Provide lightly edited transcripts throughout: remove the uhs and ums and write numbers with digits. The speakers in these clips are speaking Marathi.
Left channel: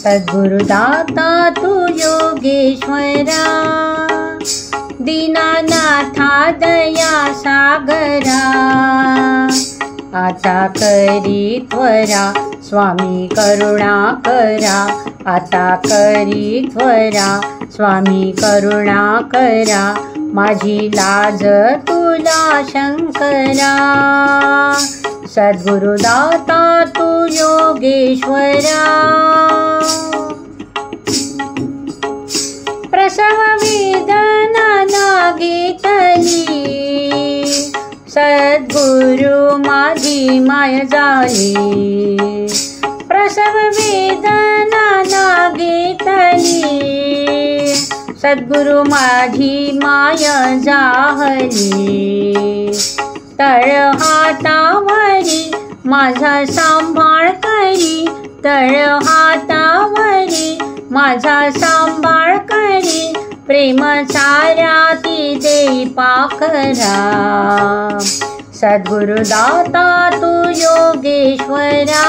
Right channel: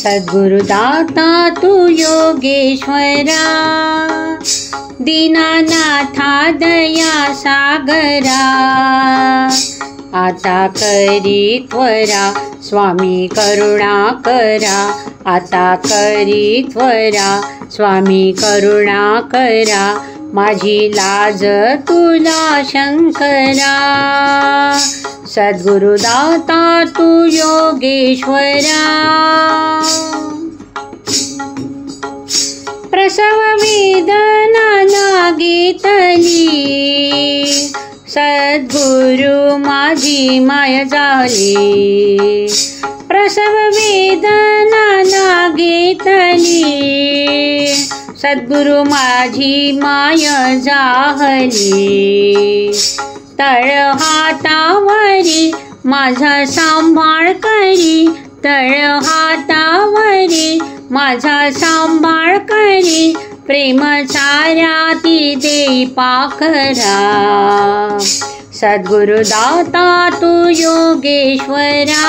सद्गुरुदाता तू योगेश्वरा, दीनानाथा दया सागरा, आता करी त्वरा स्वामी करुणा करा, आता करी त्वरा स्वामी करुणा करा, माझी लाज तुला शंकरा, सद्गुरुदाता तू योगेश्वरा। प्रसव वेदना नागेतली, सद्गुरु माझी माय झाली, प्रसव वेदना नागेतली, सद्गुरु माझी माय झाली, तळ हातावरी माझा सांभाळ करी, तळ हातावरी माझा सांभाळ करी, प्रेम चाऱ्याती देई पाखरा, सद्गुरुदाता तू योगेश्वरा,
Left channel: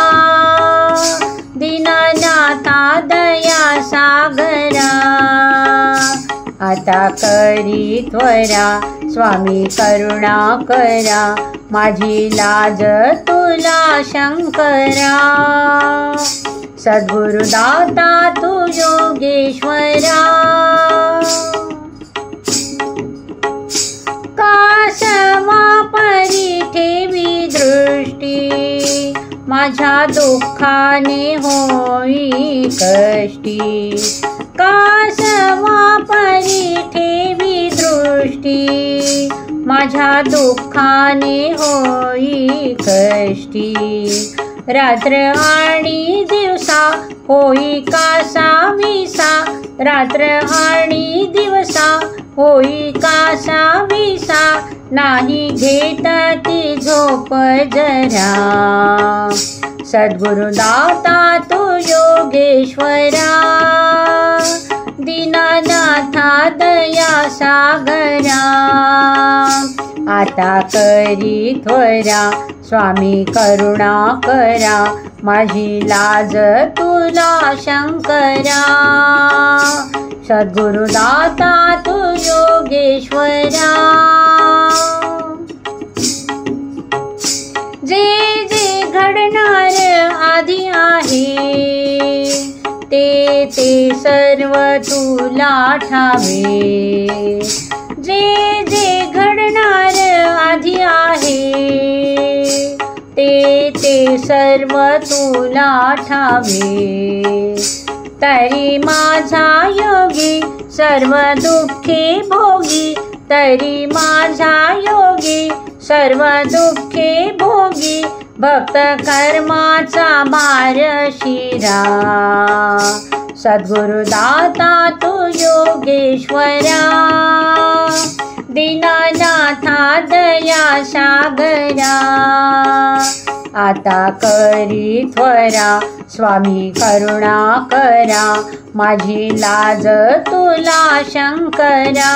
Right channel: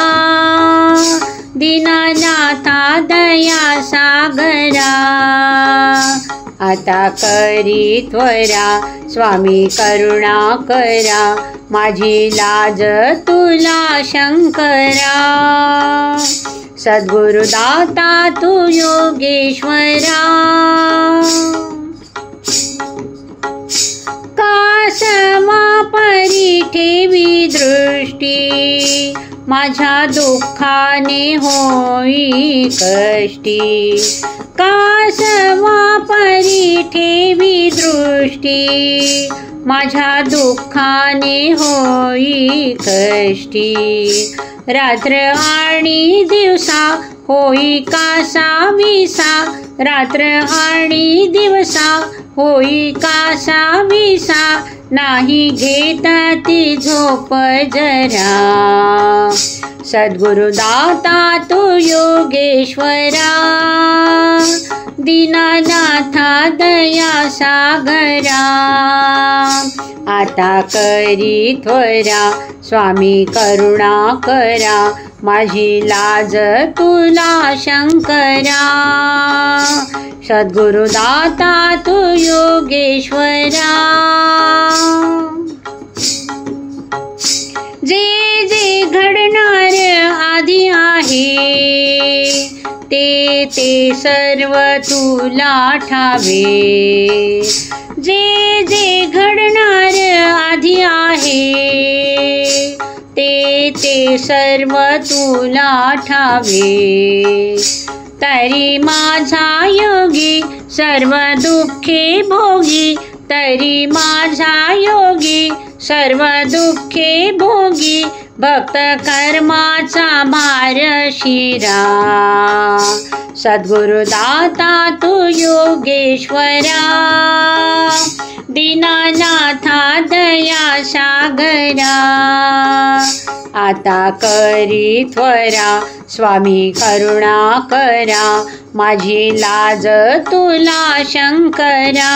दीनानाथा दया सागरा, आता करी त्वरा स्वामी करुणा करा, माझी लाज तुला शंकरा, सद्गुरुदाता तू योगेश्वरा। कासवा परी ठेवी दृष्टी, माझ्या दुःखाने होई कष्टी, कासवा परी ठेवी दृष्टी, माझ्या दुःखाने होई कष्टी, रात्र आणि दिवसा होई कासा विसा, रात्र आणि दिवसा होई कासा विसा, नाही घेता ती झोप जरा, सद्गुरुदाता तू योगेश्वरा, दीनानाथा दया सागरा, आता करी त्वरा स्वामी करुणा करा, माझी लाज तुला शंकरा, सद्गुरुदाता तू योगेश्वरा। जे जे घडणार आधी आहे, ते सर्व तुला ठावे, जे जे घडणार आधी आहे, ते सर्व तुला ठावे, तरी माझा योगी सर्व दुःखे भोगी, तरी माझा योगी सर्व दुःखे भोगी, भक्त कर्माचा भार शिरा, सद्गुरुदाता तू योगेश्वरा, दीनानाथा दया सागरा, आता करी त्वरा स्वामी करुणा करा, माझी लाज तुला शंकरा,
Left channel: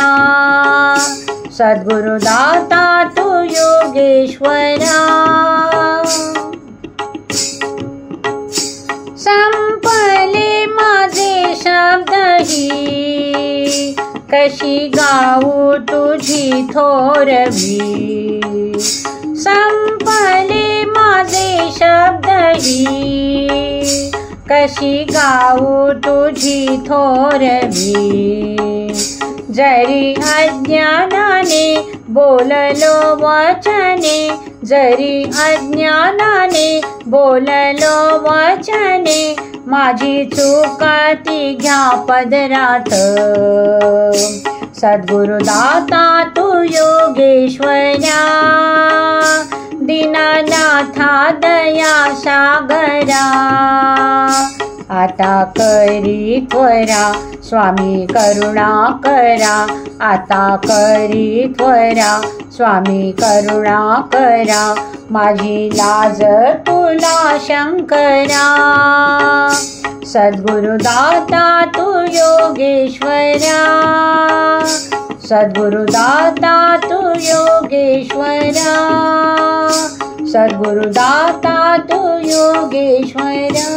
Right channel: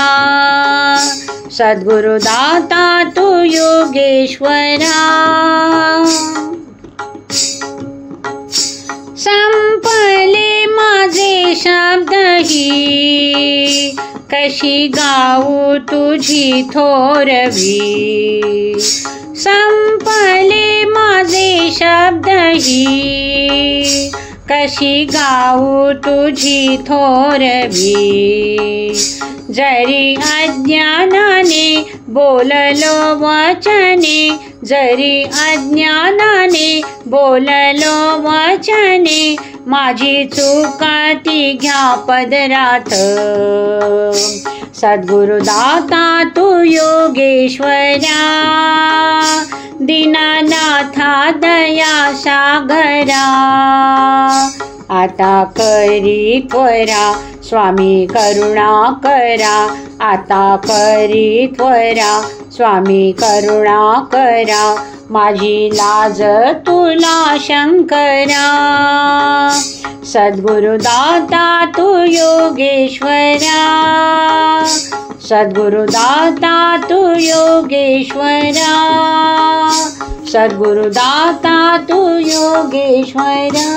सद्गुरुदाता तू योगेश्वरा। संपले माझे शब्दही, कशी गाऊ तुझी थोरवी, संपले माझे शब्दही, कशी गाऊ तुझी थोरवी, जरी अज्ञानाने बोललो वचने, जरी अज्ञानाने बोललो वचने, माझी चुका ती घ्या पदरात, सद्गुरुदाता तू योगेश्वरा, दीनानाथा दया सागरा, आता करी त्वरा स्वामी करुणा करा, आता करी त्वरा स्वामी करुणा करा, माझी लाज तुला शंकरा, सद्गुरुदाता तू योगेश्वरा, सद्गुरुदाता तू योगेश्वरा, सद्गुरुदाता तू योगेश्वरा।